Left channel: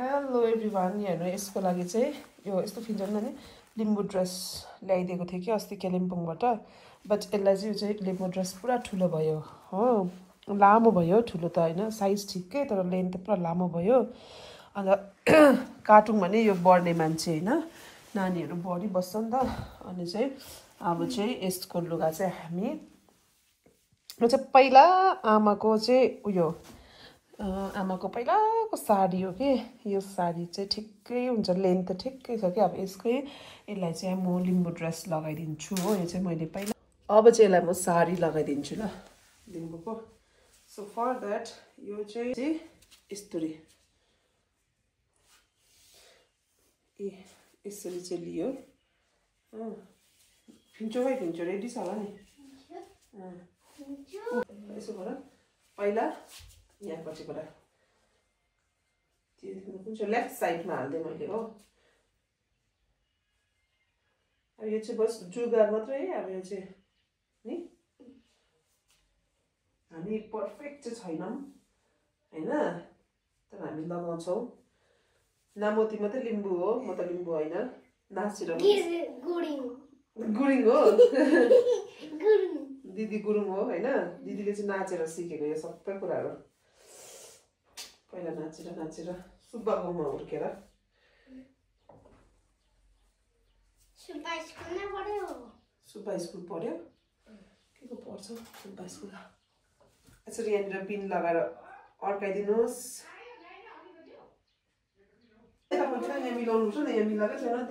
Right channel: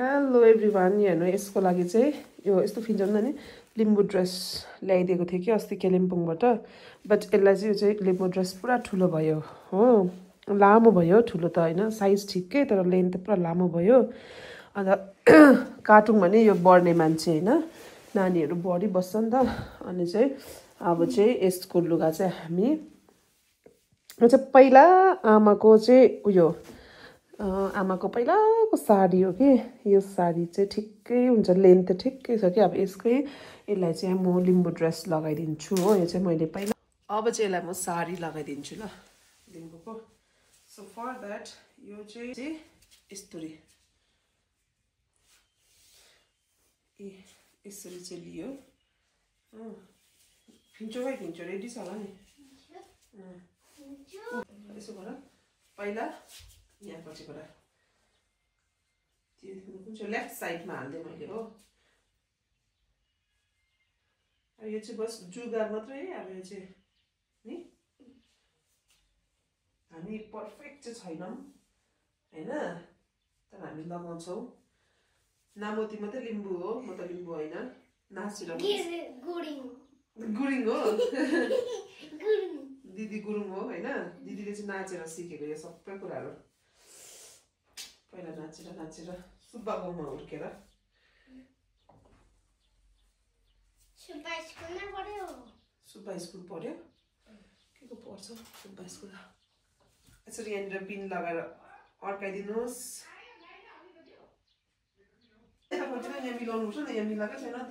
hello everyone हेर्नु यसको लागि चाहिँ यो यस्तो फिल हुन्छ नि लिम्बू ड्रेस ल्याइदिएको थिएँ कि अस्ति कालिम्पोङबाट बट यसलाई चाहिँ यो चाहिँ लिम्बू ड्रेस पुरा ठुलो भयो हो लामो भयो ठुलो त होइन साइज ठिकै तर लेन्थ पुरा लामो भयो अन्त काटौँ भने यो बढ्ने मान्छे होइन नानीहरू बढिबस्छ नि त अनि चाहिँ अब चाहिँ यसको लुगा चाहिँ हामी यो चाहिँ पहिला आमाको चाहिँ उयो आमाको पहिलाको साडी हो कि यो साडी चाहिँ ठिकै हुन्छ लेन्थ ठिकै छ कि अब यसकै यसलाई चाहिँ म लिम्बू ड्रेस लगाइदिन्छु हो यो चाहिँ मैले पहिला अब चाहिँ यसलाई म साडी लगाइदिन्छु ल लिम्बूको सो फर द्याट यो चाहिँ यस्तरी यसरी चाहिँ लियो फिन्चो भाइ फिन्चो रेडी छ होला नि यसो गर पहिला यहाँपट्टिबाट कुन चाहिँ लेफ्ट साइडमा हाल्दै मैले हो अब यो चाहिँ बस जुगार मात्रै अब यो चाहिँ नि हामी पर्फेक्ट चाहिँ छैनौँ होइन तर हामी लगाउँछौँ नामोती मात्रै लिम्बू हो म त लिम्बू होइन नासिर गुरिङ हो दिदी गुरुङ हो होइन दिदीले चाहिँ नाचेर सिकेको यो सबै कुराहरू पहिला नाचेर सुब्बाकोमा हुर्केर सुब्बा स्कुल पढ्यो के को पढ्छ सुब्बा स्कुल यसरी यहाँनिर पिन लगाएर अड्काइदिनुहोस् यहाँ मिलाउनु पर्छ नि यहाँ मिलाएकै छैन त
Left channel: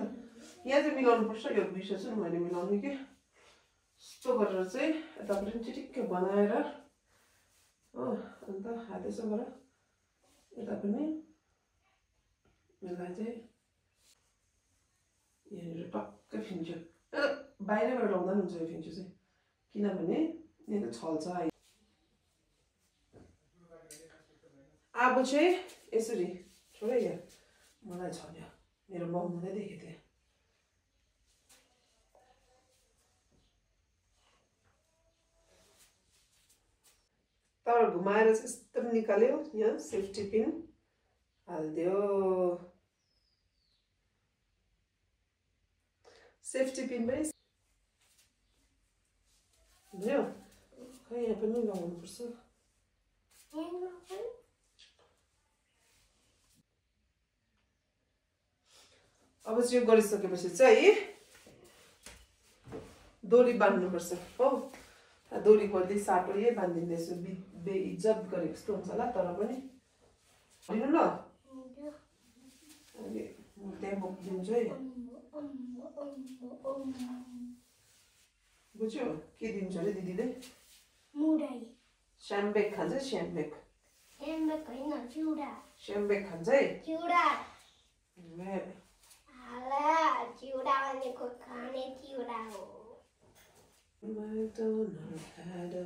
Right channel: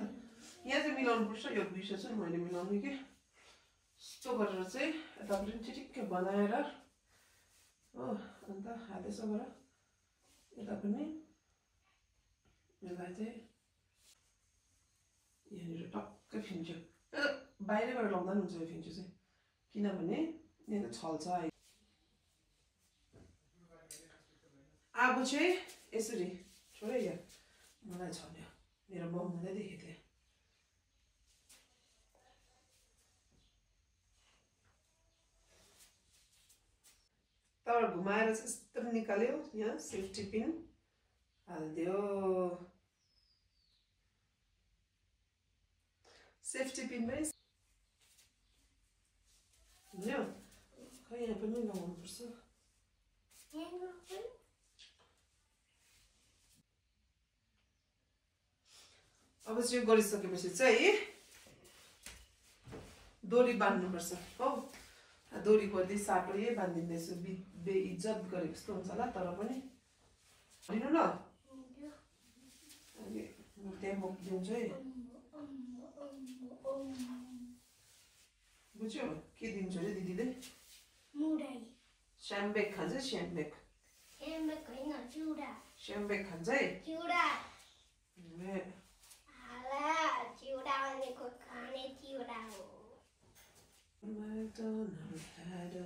यहाँ चाहिँ मिलाउनु पर्छ यो विषय चाहिँ मैले मिलाउने कि यस्तो गरेर चाहिँ यतापट्टि पनि ठिक्कै बनाएर हो अन्त हात यसो गर यता पनि यसलाई चाहिँ यहाँनिर टक्कै फिन्चो बाहिरबाट लाउँदा पनि हुन्छ यो फिन्चो चाहिँ किनभने यहाँ छल्छ अब चाहिँ यसरी छोड यहाँ मलाई छल्यो मेरो बहुमुदै देखेको थिएँ तर घुमाएर चाहिँ यस्तो निकाल्यो यहाँ सेफ्टी पिन हालिदियो सेफ्टी पिन पनि बुझ्यो खै यहाँ पनि लगाउनुपर्छ अब चाहिँ यो गरिसकेपछि चाहिँ डोरी बाँध्नुपर्छ हो डोरी खोल्दै साटो यही बाँधिँदैछु बेइज्जत गरेको जस्तो हुन्छ होला तर पनि होइन ल अहिले म त्यहाँ बोकिदिन्छु है बुझ्यो के दिन्छ अरे दिदीले स्याम्बेक खान्छ स्याम्बेक स्याम्बेक खान्छ है McDonald had a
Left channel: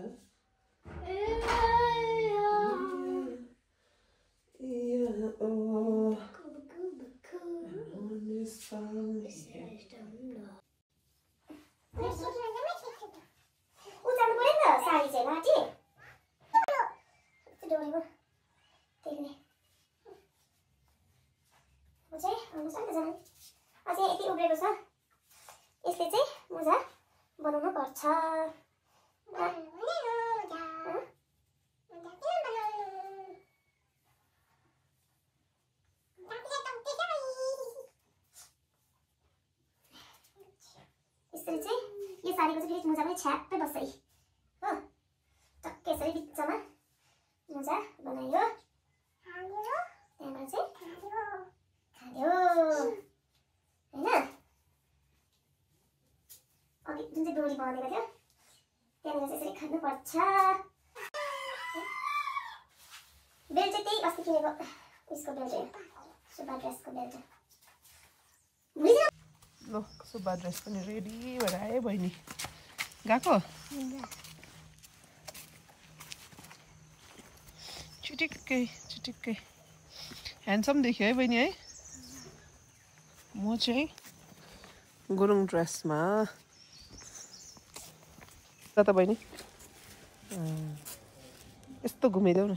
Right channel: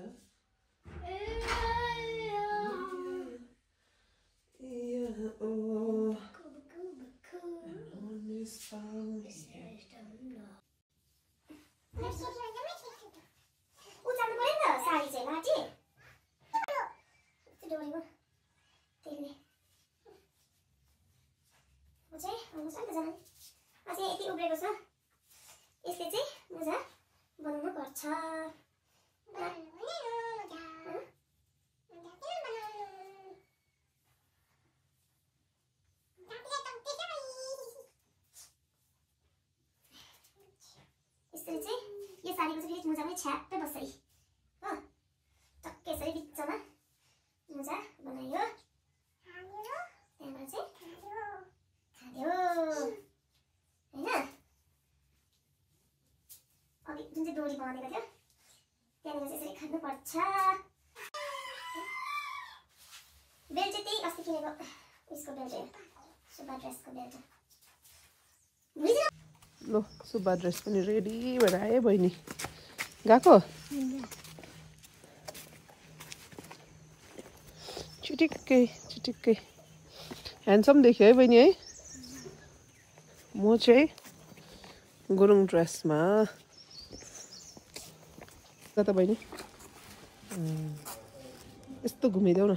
यति उब्रेको छ यसले चाहिँ मोजा बनाउनु पर्छ यसरी चाहिँ यो साडीको चाहिँ फेरि मोजा पनि छ्याप्पै बस्छ है हो टक्कै यसरी बिचमा मोजा बनायो त्यहाँबाट चाहिँ खायो होइन अघि जुन चाहिँ डोरी बाँधेको थियो त्यहाँनिर चाहिँ यसरी खानुपर्छ बेल्ट चाहिँ त्यही अस्ति किनेको उसको बेल्ट सुब्बा ड्रेसको बेल्ट सुब्बा ड्रेस पनि रेडी भएर आयो बहिनी गएको चिटिक्कै ह्यान्डसम देख्यो है बहिनी है म चाहिँ गुरुङ ड्रेसमा त बहिनी यस्तो घुमाइदेऊ न